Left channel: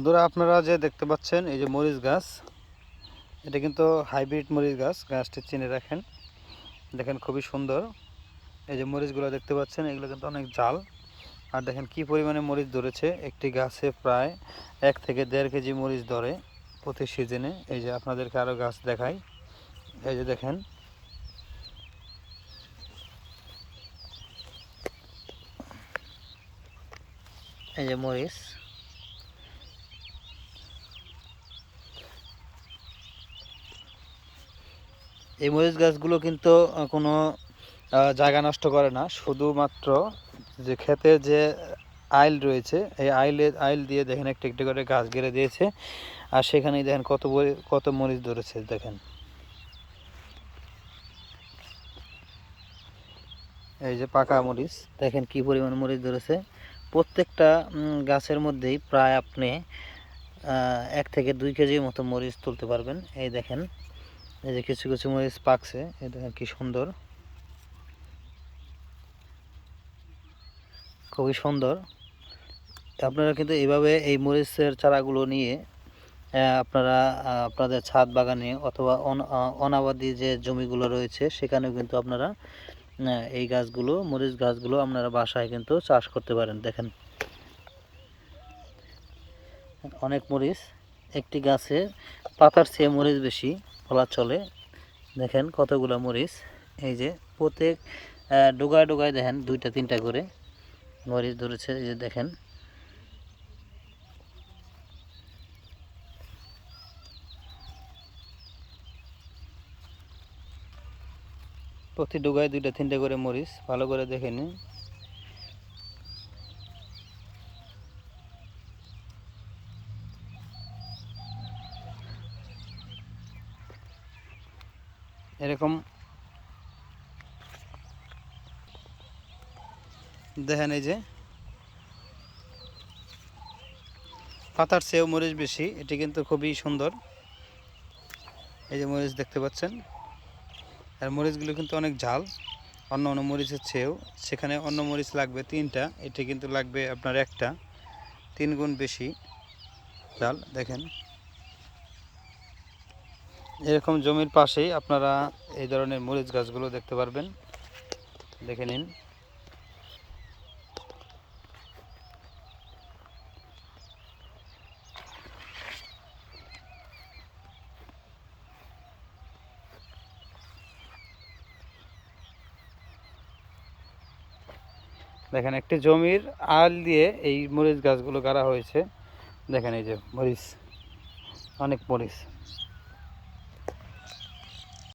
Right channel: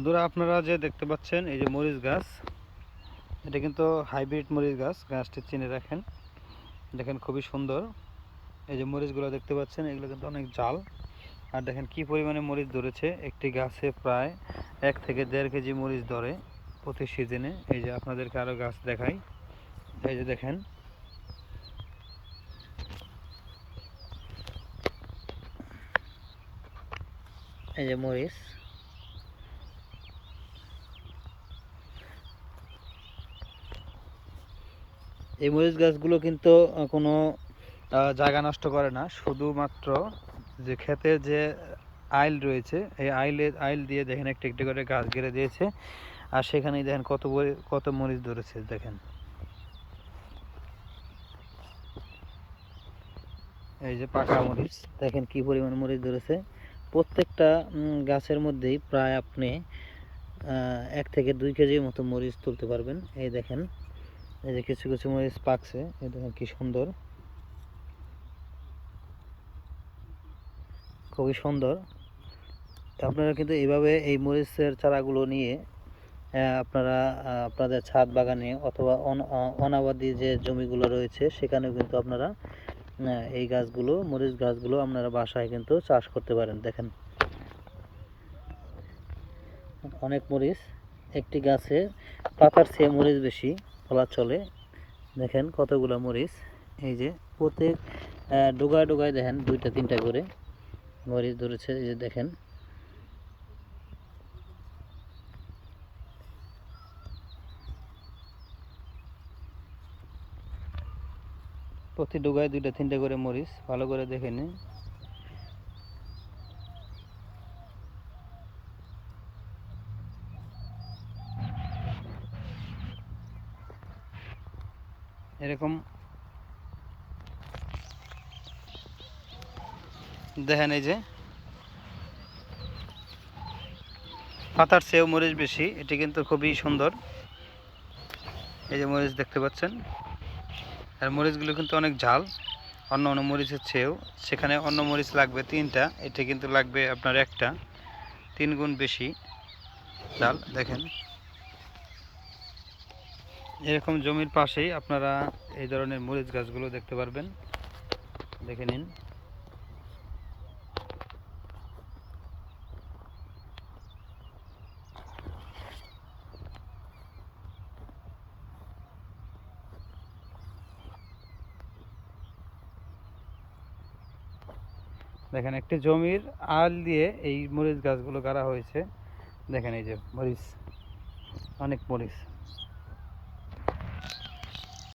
বন্ধুরা, আপনারা যে দেখতে পাচ্ছেন, এই যে মরিচ গাছ, এটা কিন্তু হাইব্রিড মরিচ গাছ, গাছটি চিনে রাখেন। দেখেন খুবই সুন্দর। এই যে মরিচগুলো দেখতে পাচ্ছেন, এগুলো কিন্তু অনেক জাল। আর দেখেন কি পরিমাণে মরিচ ধরেছে, একটি গাছে প্রায় এক থেকে দেড় কেজি মরিচ ধরে প্রতি সিজনে। এই যে আপনাদেরকে আরও গাছ দেখাই। এই যে দেখেন। এই যে মরিচ। এই মরিচ গাছগুলো কিন্তু কোনো জায়গা নষ্ট করে না। শুধুমাত্র যে ক্ষেতে যে আইল রয়েছে, এই আইলে, আইল দিয়ে দেখেন একটা, একটু করে গাছ গেড়ে দিয়েছে। আর সেখানেই দেখেন কত কত মরিচ ধরেছে, দেখেন। এই যে পাকা মরিচ, দেখেন কি পরিমাণ মরিচ ধরেছে। প্রত্যেকটা গাছের মধ্যেই প্রায় আপনি এক থেকে দুই কেজির মতো মরিচ তুলতে পারবেন। এই দেখেন এই যে কিছু কিছু মরিচ পাকছে দেখেন কি সুন্দর। খুবই সুন্দর। আপনারা কিন্তু এইভাবে এই মরিচের চারাগুলো নিয়ে আপনারা আপনাদের ছাদ বাগানে অথবা অনাবাদি যে জমিগুলো রয়েছে, সেখানেও কিন্তু আপনারা এই গাছগুলো, মরিচ গাছগুলো আপনারা বাসায় কিন্তু চাষ করতে পারেন। দেখেন। অনেক মরিচ, একটি গাছে পাতার চেয়ে মরিচ বেশি। বলা চলে। দেখেন কতগুলো মরিচ। এই যে প্রত্যেক ডোগায় ডোগায় দেখেন দুইটা, তিনটা করে মরিচ ধরেছে। এই যে দেখেন। প্রতি ডোগায় দুইটা, তিনটা করে মরিচ। ভালো করে দেখে নিন। এরকম। দেখেন এই যে, পাতার চেয়েও মরিচ বেশি, এটি কিন্তু খুবই সুন্দর। এই যে মরিচ দেখতে পাচ্ছেন, আর মরিচগুলো কিন্তু অনেক ঝাল, অন্য অন্য মরিচের চেয়েও। সেখানে অন্য মরিচ লাগবে তিনটা, এটি কিন্তু লাগবে আপনার একটা তিন গুণ বেশি ঝাল, দেখেন। এরকম জমির পাশেই আপনারা এই ধরনের মরিচ গাছগুলো দেখতে পারবেন। দেখে নিন। দেখেন, একটি জমির আল দিয়ে এই মরিচ গাছগুলো গাড়া হয়েছে। দেখেন এই যে মরিচ, অনেক মরিচ।